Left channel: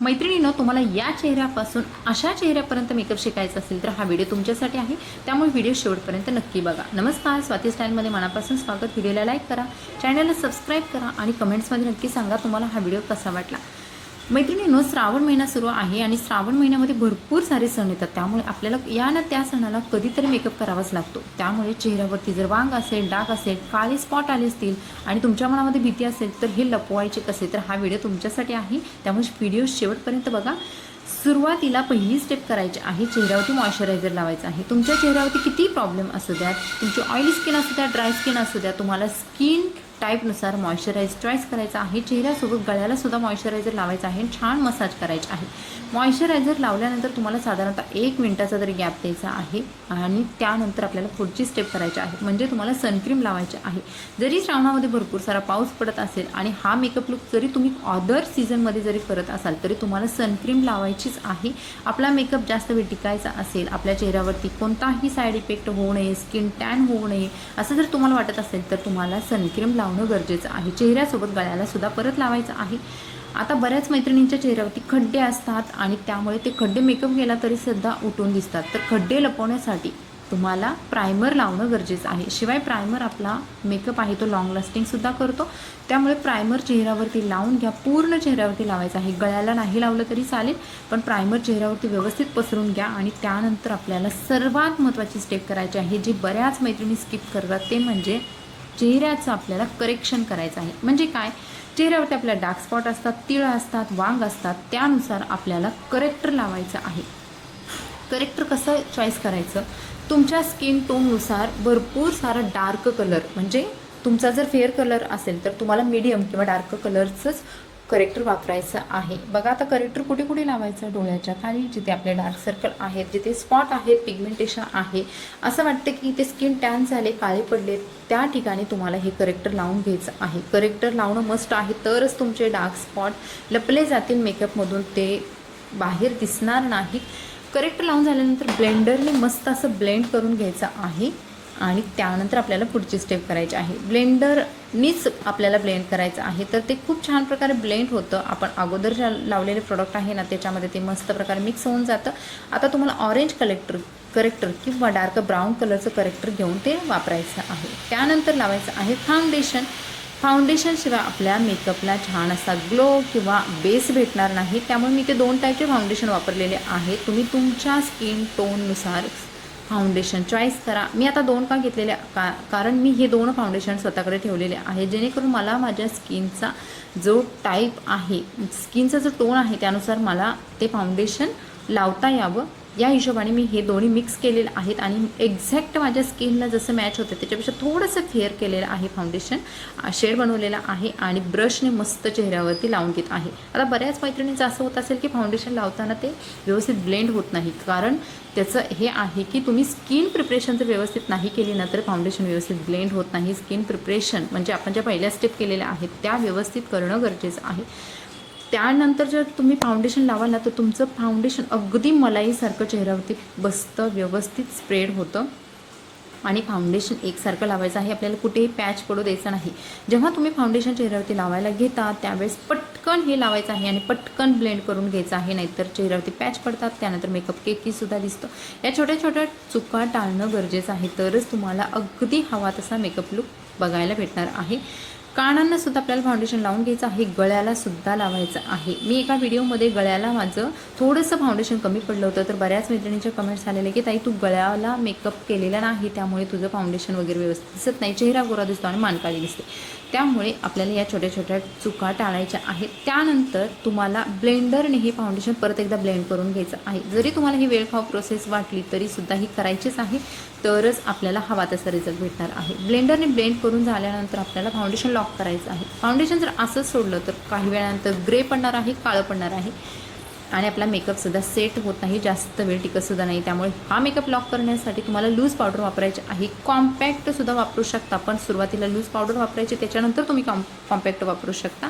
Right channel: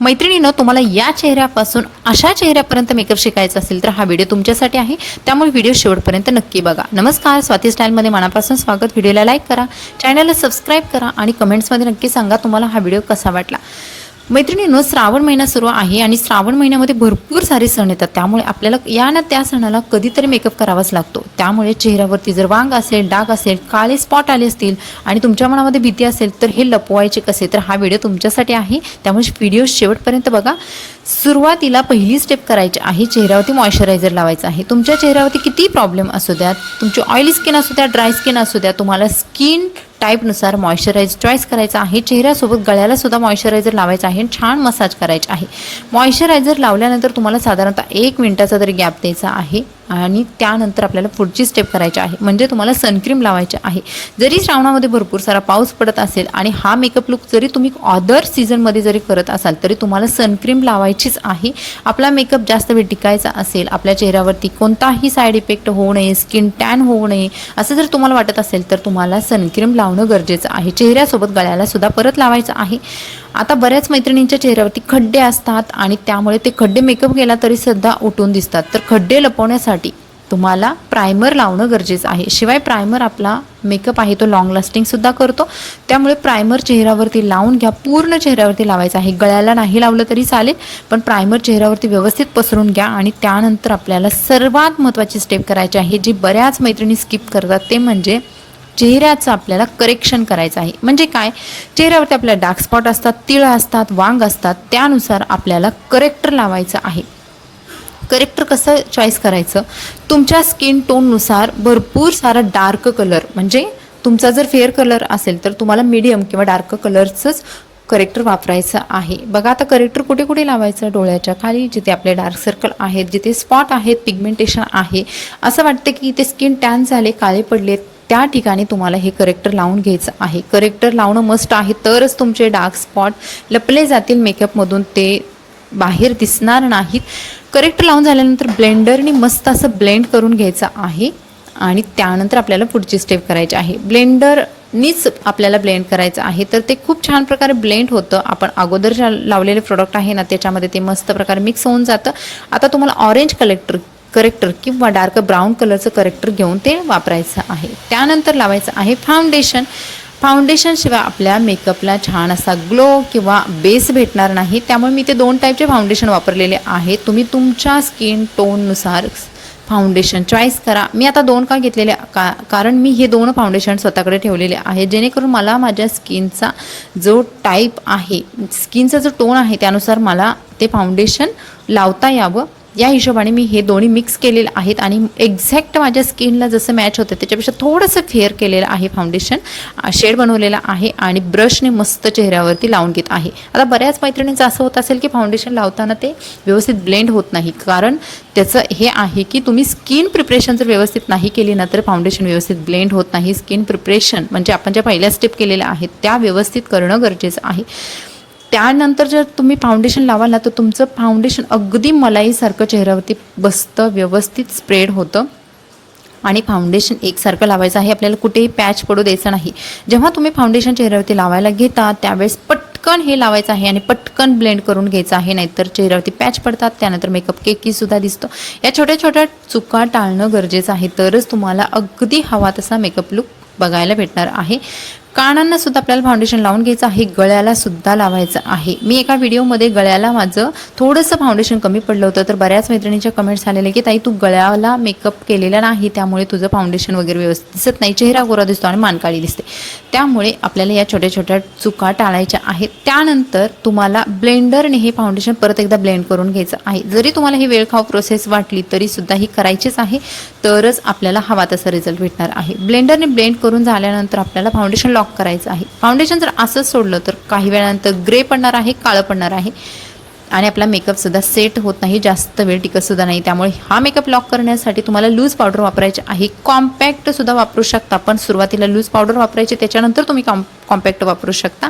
मैत्रिणींनो, तुम्हाला या चेहऱ्यापासून अशा चेहऱ्यापर्यंत मेकअप शिकायचा असेल तर हा व्हिडिओ तुमच्यासाठी आहे, त्यामुळे व्हिडिओ शेवटपर्यंत नक्की बघा. नमस्कार, स्वाती स्टाईलमध्ये मनापासून स्वागत. व्हिडिओला लाईक करा, चॅनलला सबस्क्राईब करा आणि कमेंट्समध्ये नक्की सांगा तुम्हाला हा व्हिडिओ कसा वाटला. मैत्रिणींनो, श्रावण महिना सुरू आहे आणि श्रावण महिन्यामध्ये भरपूर सारे सण येतात, त्यामुळे आपल्याला या ना त्या सणाला कधीतरी मेकअप करावाच लागतो. त्यामुळे चेहऱ्यावरती जर वांग असेल, डाग असेल, काळे स्पॉट आले असतील आणि तुमच्या मनामध्ये भीती असेल तर हे लपवायचे कसे, तर हा व्हिडिओ तुमच्यासाठी आहे, त्यामुळे व्हिडिओ शेवटपर्यंत बघा. सुरुवातीला पहिली स्टेप करायची आहे, चेहऱ्यावरती मॉइश्चरायझर लावायचं आहे. तुमच्या चेहऱ्यावरती किती प्रॉब्लेम असू द्यात, तुमची ऑइली स्किन असू द्या, ड्राय स्किन असू द्या, तुम्हाला स्किन टाईपनुसार मॉइश्चरायझर चॉईस करायचा आहे. चेहऱ्यासोबत गळ्याला सुद्धा मॉइश्चरायझर लावायचं आहे, छान मसाज करायचे आहे. मॉइश्चरायझर लावल्यानंतर तुम्हाला साधारणतः 1 मिनिटाचा तरी गॅप द्यायचा आहे आणि त्यानंतर आपल्याला पुढची स्टेप करायची आहे, म्हणजे तुम्हाला सनक्रीम लावायची आहे. जरी श्रावणामध्ये भरपूर सारा पाऊस पडत असेल आणि हा मेकअप लुक जरी तुम्ही अदर सीझनमध्ये जरी करत असाल तरी तुम्हाला सनक्रीम लावायचीच आहे. आपला मेकअप जास्त वेळ टिकायचा असेल, आपल्या चेहऱ्यावरती कोणताही साईड इफेक्ट होऊ नये, स्किन टॅन होऊ नये असं जर तुम्हाला वाटत असेल तर तुम्हाला सनक्रीम लावणं गरजेचं आहे. चेहऱ्यासोबत गळ्याला सुद्धा परत लावायचं आहे. आता बऱ्याच मैत्रिणींच्या चेहऱ्यावरती खड्डे असतात आणि त्यामुळे ते खड्डे मेकअप केला तरी सुद्धा उठून दिसतात, तर खड्डे लपवण्यासाठी तुम्हाला प्रायमर लावणं गरजेचं आहे. शिवाय प्रायमर आपला मेकअप आहे तो लॉंग लास्टिंगसुद्धा करतो, त्यामुळे प्रायमर चेहऱ्यावरती लावून घ्या. पूर्ण चेहऱ्यावरती लावायचं आहे, गळ्याला नाही लावलं तरी चालेल, पण प्रायमर चेहऱ्यावरती व्यवस्थित पसरून घ्या. आणि त्यानंतर आपल्याला सर्वात महत्त्वाची स्टेप करायची आहे, जी बऱ्याच मैत्रिणी स्किप करतात, ते म्हणजे चेहऱ्याचं आपल्याला करेक्शन करायचं आहे. म्हणजे काय, चेहऱ्यावरती आपल्याला डार्क स्पॉट असतात, तिळ असतात, वांग असतात, त्यानुसार आपल्याला करेक्टर लावायचं आहे. करेक्टर कसं चॉईस करायचं, तुमच्या स्किन टोननुसार भरपूर सारा डार्क कलर, म्हणजे तुमचा जर फेअर कलर असेल तर तुम्हाला मीडियम किंवा डार्क कलरचंच करेक्टर वापरायचं आहे. बघा आता करेक्टर कुठे कुठे लावायचं, डोळ्याच्या खाली जिथे आपले डार्क सर्कल आहेत, जिथे स्पॉट आहेत, पिगमेंटेशन आहे, असं वाटतं की ते स्किन टॅन झाले, काळे पडले, त्या ठिकाणी तुम्हाला हे करेक्टर लावून घ्यायचं आहे. करेक्टर लावणं मस्ट आहे, तरच तुमचे डार्क स्पॉट लपले जातील मेकअपमधून, ते बाहेर दिसणार नाहीत. करेक्टर लावून झाल्यानंतर ब्लेंडरने मस्त असं ब्लेंड करून घ्यायचं आहे आणि त्यानंतर आपल्याला पुढची स्टेप करायची आहे. ब्लेंडरनीच आपल्याला ब्लेंड करायचं आहे, तर ते खूप छान प्रकारे ब्लेंड होतं. आपण अगोदर जे लावलेले प्रोडक्ट आहे ना त्याच्यामध्ये ते मस्त प्रकारे मिक्स होऊन जातं. आता तुम्हाला ऑरेंज करेक्टर किंवा डार्क ब्राऊन कलरचं करेक्टर घेऊन ते वापरायचं आहे. त्यानंतर लावायचं आहे फाउंडेशन. फाउंडेशनशिवाय आपल्या मेकअपला छान असा ग्लो किंवा बेस भेटणार नाही, त्यामुळे मी ते 2 टाईपचे फाउंडेशन वापरलेले आहे. तुम्ही तुमच्या स्किन टोननुसार फाउंडेशन चॉईस करा. मी आता 2 का घेतलेले, कारण मी हे 2 फाउंडेशन स्वतःकडे ठेवलेले आहे, जेणेकरून मला माझ्या स्किनचा जो टाईप आहे, स्किनचा जो टोन आहे त्यानुसार मला ते फाउंडेशन लावता यावं. या हिशोबाने मी हे दोन्ही मिक्स केलेले आहेत आणि एक्झॅक्ट माझ्या स्किनला जसं मॅच होतं त्याच्यापेक्षा थोडंसं फेअर केलेलं आहे फाउंडेशन, शेड बनवलेला आहे आणि ब्रशने मस्त चेहऱ्यावरती लावून घेत आहे. आता बऱ्याच मैत्रिणींचं असं होत असेल की फाउंडेशन लावताना ते व्यवस्थित ब्लेंड होत नाही, कारण त्याचं हे आहे की तुम्ही स्किन प्रिपरेशन जर व्यवस्थित नाही केली ना तर फाउंडेशन व्यवस्थित ब्लेंड होत नाही. स्किन प्रिपरेशन म्हणजे आपण ज्या पहिल्या स्टेप केलेल्या आहेत त्या व्यवस्थित करणं गरजेचं आहे. त्यानंतर जर तुम्ही फाउंडेशन लावाल ना तर तुमचं फाउंडेशन अगदी मलाईसारखं चेहऱ्यावरती बसतं, व्यवस्थित स्प्रेड होतं. आणि फाउंडेशन एकसारखं लावायचं आहे, आपल्याला कुठेही पॅच पडू द्यायचं नाही. जेव्हा तुम्ही फाउंडेशन चेहऱ्यावरती लावायला घेता त्यावेळेस पटकन हे लावायचं आहे आणि पटकन ब्लेंड करून घ्यायचं आहे, नाहीतर चेहऱ्यावरती पॅच पडतात, त्यानंतर मेकअप केकीसुद्धा दिसतो. या छोट्या छोट्या चुका टाळणं गरजेचं आहे, तरच तुम्हाला अगदी हवा तसा मेकअप लुक बघायला भेटणार आहे. कानांना सुद्धा आपल्याला फाउंडेशन लावून घ्यायचं आहे, गळ्याला सुद्धा लावायचं आहे. मी एका व्हिडिओमध्ये गळ्याला माझं थोडंसं फाउंडेशन कमी पडलं होतं, तर बऱ्याच मैत्रिणींच्या कमेंट्स आलेले की ताई तू गळ्याला मेकअप केलेला नाही, त्यामुळे तुझं फाउंडेशन वगैरे व्यवस्थित दिसत नाही, चेहरा गोरा दिसतो आणि मान काळी दिसते. त्यामुळे आपल्याला या छोट्या छोट्या चुका टाळायच्या आहेत. त्यानंतर तुम्हाला ब्लेंडरने हे फाउंडेशन परत एकदा ब्लेंड करून घ्यायचं आहे. जरी तुम्हाला ही वेळखाऊ प्रोसेस वाटली तरी सुद्धा ही करायचीच आहे, तरच आपल्याला हवा तसा रिझल्ट भेटणार आहे. ब्लेंडरने ब्लेंड करून झाल्यानंतर आपल्याला फाउंडेशन लॉक करायचं आहे. फाउंडेशन जर असंच सोडलं तर काही वेळानंतर ग्रे पडणार आहे, काळं पडणार आहे आणि आपला मेकअपसुद्धा सेट होत नाही, जास्त वेळ टिकतसुद्धा नाही. त्यामुळे हा मेकअप लॉक करण्यासाठी तुम्हाला लूज पावडर वापरायची आहे. कॉम्पॅक्टसुद्धा वापरू शकता, पण सुरुवातीला लूज पावडर वापरायची, त्याच्यानंतर तुम्ही कॉम्पॅक्ट वापरू शकता.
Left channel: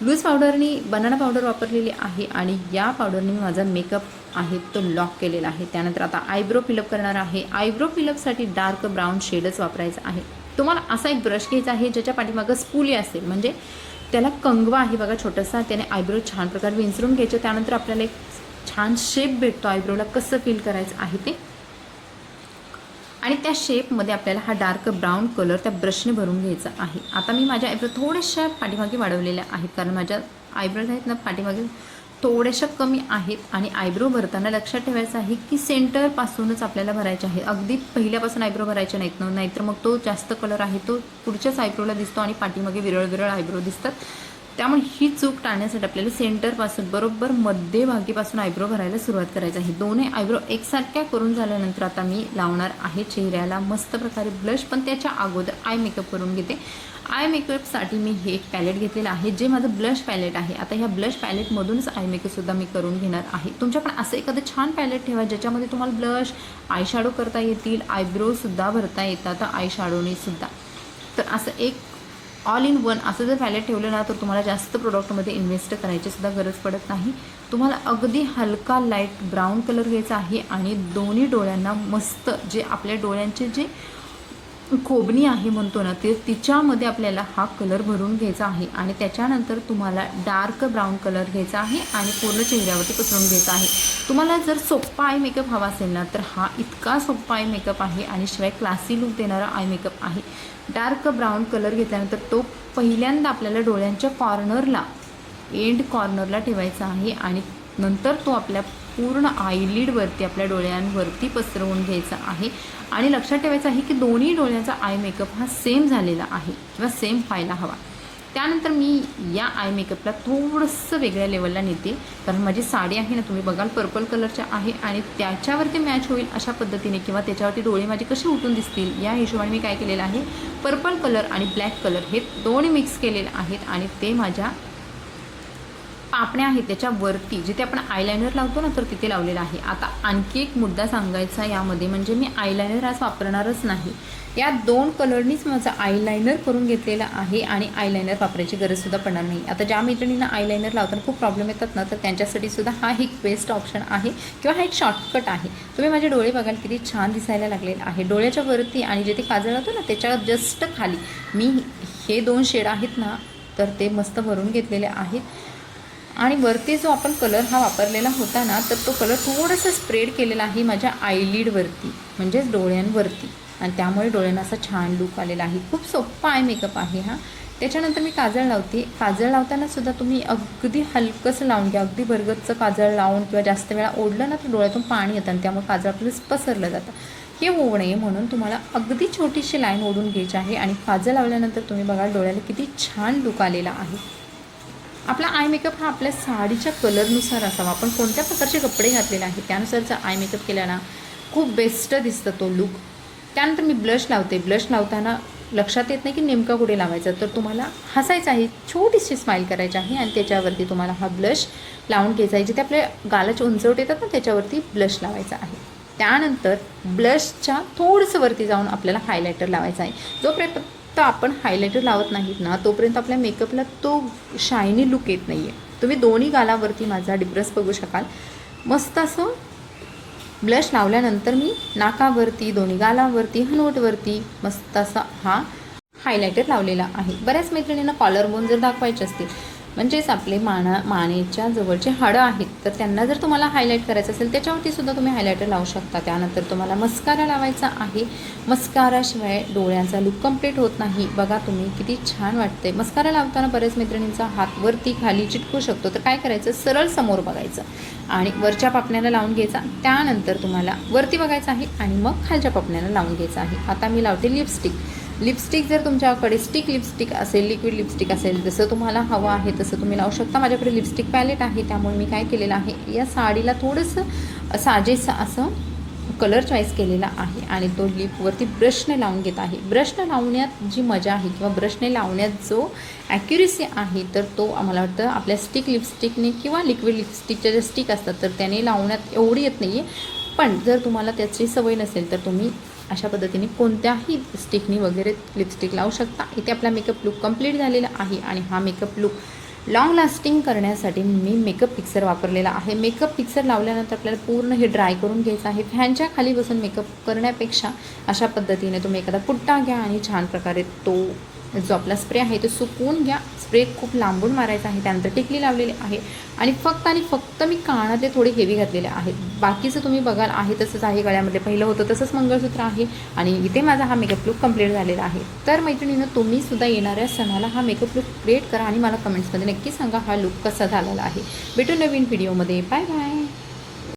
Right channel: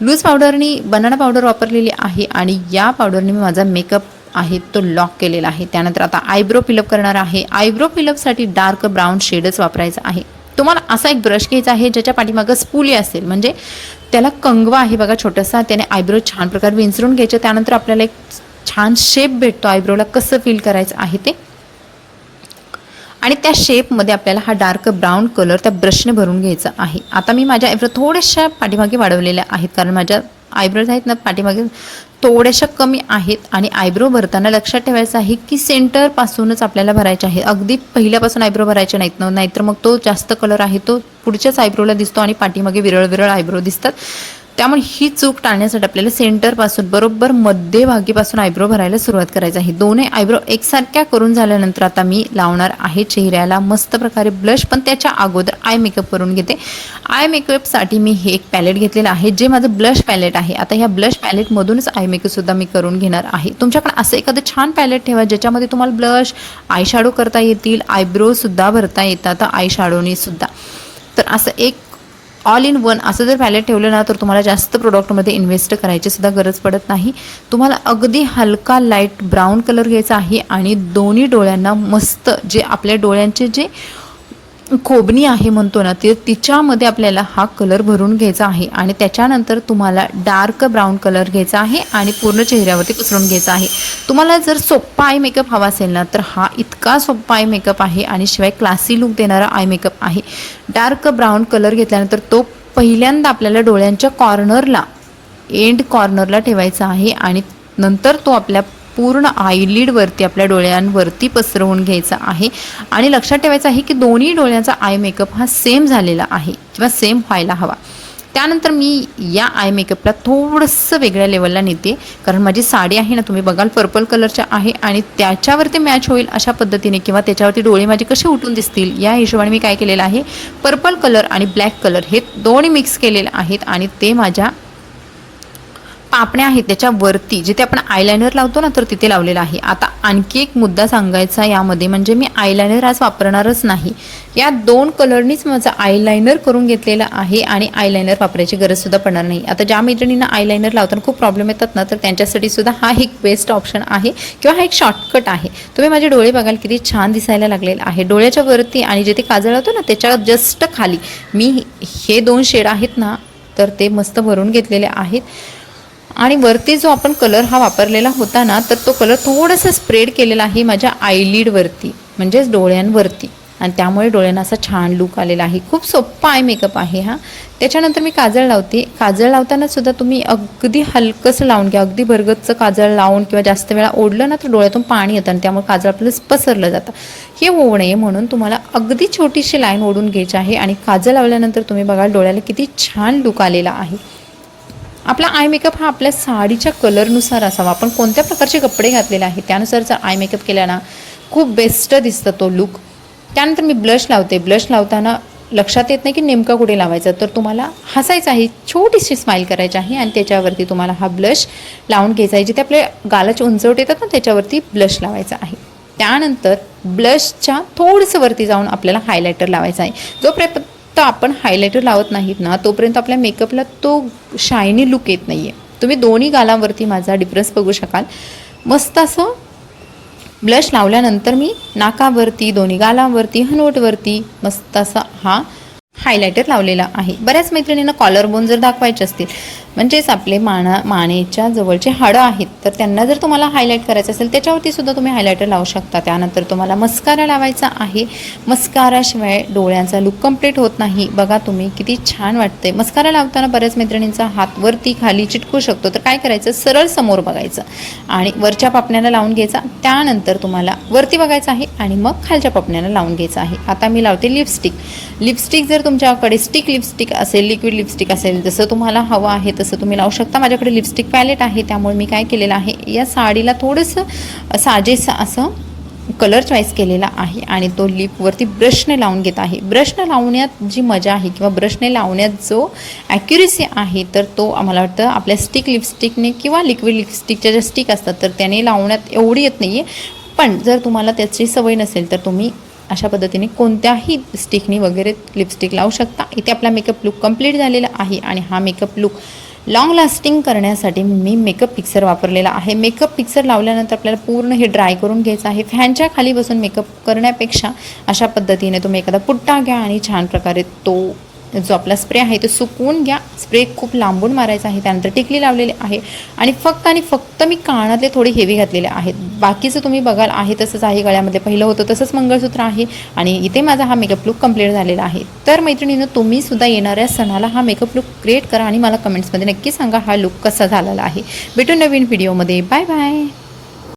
लूज पावडरनी बनाना पावडर वापरलेली आहे आणि या पावडरने मी माझा मेकअप आहे तो लॉक केलेला आहे. त्यानंतर आता आयब्रो फिलअप करणार आहे. आयब्रो फिलअपसाठी डार्क ब्राऊन शेडच वापरायचा आहे. तुम्हाला असा एक ब्रश घ्यायचा आहे ज्याच्या पाठीमागं स्पूली असेल, म्हणजे त्याला कंगवा आहे बघा छोटासा, त्याने आयब्रो छान प्रकारे विंचरून घ्यायचे. त्यानंतर आपल्याला एक छान शेप भेटतो आयब्रोला कसं फील करायचं आहे ते. आणि त्या शेपमध्ये आपल्याला हा डार्क ब्राऊन कलर त्या ब्रशने भरून घ्यायचा आहे. आता मी माझ्या आयब्रो थोड्याशा पाठीमागे वाढवलेल्या आहेत, कारण माझ्या आयब्रोज आहेत ना पाठीमागे थोड्याशा कमी आहेत. आणि आयब्रो भरताना लक्षात ठेवायचं आहे की सेंटरपासूनच आपल्याला भरायचे आहे. अगदी पहिल्यापासून आयब्रो भरायचे नाहीत ना, नाहीतर मग तो जास्त कलर आहे तो पुढच्याच आयब्रोला दिसतो आणि पाठीमागे विरळ विरळ आयब्रो दिसतात. त्यामुळे ही चूक टाळण्यासाठी आपल्याला सेंटरपासून बरोबर मध्यभागीपासून आयब्रो भरायला सुरुवात करायची आहे. दोन्ही आयब्रो एकसारख्या करून झाल्यानंतर आता मी लावणार आहे चेहऱ्याला मस्त प्रकारे ब्लश. पण त्याच्या अगोदर आय मेकअप करून घेते. आय मेकअपसाठी मी हे एक पॅलेट घेतलेलं आहे, जे माझं ब्लश पॅलेट आहे. आता ह्या ब्लश पॅलेटमधूनच आय मेकअपसुद्धा मी करून घेणार आहे. तुमच्याकडे असं एखादं छान पॅलेट ठेवा ज्याच्यामध्ये तुम्हाला ब्लश, आय शॅडो करता येतील, आयब्रोसुद्धा भरता येतात आय शॅडोनी सुद्धा. तर असं एक ऑल इन वन असं जर पॅलेट ठेवलं ना, तर तुम्हाला जास्त प्रोडक्टमध्ये इन्व्हेस्ट करायची सुद्धा गरज पडत नाही. तुम्हाला अगदी हलका लाईट ब्राऊन कलर घ्यायचा आहे आणि दोन्ही डोळ्यांना मस्त जे आपल्या डोळ्यांचे जे खोबणी आहे म्हणतो ना, ते तिच्यामध्ये आपल्याला हा कलर भरून घ्यायचा आहे. आणि त्याच्यानंतर तुम्हाला डार्क ब्राऊन कलर घ्यायचा आहे आणि पूर्ण चेहऱ्यावरती पसरून घ्यायचा आहे. तुम्हाला जर सोप्पा आय मेकअप हवा असेल ना, तर हा इतका सोप्पा आय मेकअप आहे आणि शिवाय क्लासी लुक देणारा आय मेकअप आहे. डार्क ब्राऊन कलर घेतल्यानंतर तो पहिल्यांदा आपल्याला डोळ्यांच्या कॉर्नरला, एंड कॉर्नरला ठेवायचा आहे आणि नंतर तो आपल्या पूर्ण आयलिडवरती आपल्या डोळ्यांवरती पसरवून घ्यायचा आहे. आणि लक्षात ठेवायचं आहे की दोन्ही डोळ्यांचा आय मेकअप हा सेम झालेला आहे किंवा सेम व्हायला हवा. त्यानंतर मी या आय मेकअपला थोडंसं वेगळ्या लेवलला नेते, कारण माझी साडी आहे ना, तुम्ही बघाल पर्पल कलरच्या आहे आणि त्याच्यावरती मॅच होईल अशा पद्धतीने किंवा त्याच्यावरती डोळे माझे कसे उठून दिसतील या हिशोबाने मी काय केलेलं आहे, पर्पल कलर आणि ब्लॅक कलर हे दोन्ही मिक्स केलेले आहेत आणि ते माझ्या पापण्या आहेत त्याच्यावरती जिथे आपण आयलायनर लावतो ना, तर तिथे लावलेलं आहे. आता आणखी एक मुद्दा सांगायचा यामध्ये, म्हणजे मी आयलायनर आज वापरणारच नाही. या दोन कलरनीच माझं आयलायनर करून घेतलेलं आहे आणि आयलायनर वापरायची गरजसुद्धा पडणार नाही. आता ज्या मैत्रिणींना आयलायनर लावताना खूप प्रॉब्लेम येतात ना, तर त्यांच्यासाठी सुद्धा हा एक बेस्ट ऑप्शन आहे किंवा हा एक शॉर्टकट आहे. तुम्ही माझे डोळे बघाल किती छान दिसायला लागलेले आहे. डोळ्याच्या वरती आणि जिथे काजळ लावतो ना त्याच्या जस्ट खाली मी हे दोन शेड आहेत ना, तर ते मस्त भरून घेतलेले आहेत. आणि वरती जो आपण कलर हा वापरलेला होता ना, तर तो कलर थोडंसं स्प्रेड केलेला आहे माझ्या आयलिडवरती, म्हणजेच डोळ्यांवरती. आणि त्यामुळे डोळ्यांना असा छान लुक आलेला आहे. खूप सोप्पा आय मेकअप आहे हा. त्याच्यानंतर मी काजळ लावते. काजळ लावताना सुद्धा तुम्ही अगदी हलकंसं लावून घ्या. अगदी भरगतचं काजळ लावून किंवा जास्त वेळा ओढलं ना, तर डोळ्यातून पाणी येतं आणि त्यामुळे काजळ आपल्याला पसरलं जातं. हे होऊ नये म्हणून तुम्हाला अगदी छोटीशी लाईन ओढून घ्यायची आहे. आणि काजळ लावल्यानंतर तुम्ही बघा डोळ्याला किती छान लुक आलेला आहे. आपला आय मेकअप हा आपल्या साडीच्या कलरनुसार असावा. आपण कोणत्या प्रकारचे कपडे घातलेले आहेत त्यानुसार जर आय मेकअप केला ना, खूप बेस्ट दिसतं तो लुक. त्यानंतर मी ब्लश लावते. ब्लश लावताना लक्षात येत नाही की नेमका कुठे लावायचा, तर तुम्हाला हसायचं आहे, छोटीशी स्माईल करायची आहे आणि त्याच्यावरती तुम्हाला हा ब्लश लावून घ्यायचा आहे. जिथे आपल्या गालाची उंचवट येतात ना त्याच्यावरती ब्लश लावायचा आहे. त्यानंतर ब्लशच्या थोडंसं वरती जाऊन आपल्याला हायलायटर लावायचा आहे. जोपर्यंत आपण हायलायटर लावत नाहीत ना, तोपर्यंत आपल्या मेकअपला तो शायनी लुक येत नाही आहे. तुम्ही दोन्ही गालांवरती माझा डिफरन्स बघू शकाल. मस्त असं ब्लश लावल्यानंतर मी नाकावरती, दोन्ही गालांवरती, हनवटवरती मस्त असा हा हायलायटर लावलेला आहे. बऱ्याच मैत्रिणींना कॉलर बोन जर दाखवायचे असतील, म्हणजेच आपले मानेच्या जवळचे हाडं आहेत, तर त्यांना जर तुम्हाला हायलाईट करायचं असेल त्याच्यावरती सुद्धा तुम्ही हायलायटर लावू शकता. त्यानंतर तुम्हाला मस्कारा लावायचा आहे. मस्काराशिवाय डोळ्यांचा लुक कंप्लीट होत नाही. बघा तुम्ही किती छान वाटते. मस्कारा लावताना बऱ्याच मैत्रिणींचा हात वरती खाली चिटकू शकतो, तर काय करायचं, सरळ समोर बघायचं आणि वरच्या पापण्याला लावून घ्यायचा. त्यानंतर तुम्हाला वरती बघायचं आहे आणि मग खालच्या पापण्याला लावून घ्यायचं आहे. आता मी लावते लिपस्टिक. लिपस्टिक जर तुमच्याकडे स्टिक लिपस्टिक असेल, लिक्विड लिपस्टिक असेल, जसं तुम्हाला हवं आहे तसं तुम्ही लावू शकता. माझ्याकडे लिपस्टिक पॅलेट आहे, त्यामुळे मी काय केलेलं आहे, या साडीला थोडंसं साजेसं असं कलर चॉईस केलेला आहे आणि तो लिपवरती ब्रशने लावून घेत आहे. ब्रशने लावण्यात जी मजा आहे किंवा ब्रशने लावण्यात जो ॲक्युरेसी आहे, तर तो आम्हाला वाटतं आपल्या स्टिक लिपस्टिकने किंवा लिक्विड लिपस्टिकच्या ज्या स्टिक असतात तर त्याने लावण्यात एवढी येत नाही आहे. पण जर तुम्हाला त्याची सवय नसेल तर तुम्ही अशा पद्धतीने कोणत्याही स्टिकनी वगैरे लिपस्टिक लावू शकता. इथे आपला मेकअप लुक कंप्लीट झालेला आहे आणि हा मेकअप लुक लॉंग लास्टिंग करण्यासाठी मी मेकअप फिक्सर वापरलेला आहे. मेकअप फिक्सर लावल्यानंतर आपल्याला पूर्ण हे ड्राय करून घ्यायचं आहे. फॅनच्या खाली बसून मेकअप करण्यापेक्षा अशा पद्धतीने तुम्ही एखादा पुट्टा घ्या आणि छान प्रकारे तो जो आपला स्प्रे आहे तो सुकवून घ्या. स्प्रे खूप लांबून मारायचा आहे. त्यानंतर टिकली लावलेली आहे आणि फक्त मी कानातले थोडे हेवी घातलेले आहेत. बाकीचं तुम्ही बघाल आहे तसंच आहे. गळ्यामध्ये पहिलं होतं तसंच मंगळसूत्र आहे आणि इथे माझा हा मेकअप लुक कंप्लीट झालेला आहे. तर मैत्रिणींनो, तुम्ही सुद्धा येणाऱ्या सणाला हा मेकअप लुक क्रिएट करा आणि मला कमेंट्समध्ये नक्की सांगा हा लुक कसा झालेला आहे. भेटू नवीन व्हिडिओमध्ये. Bye bye.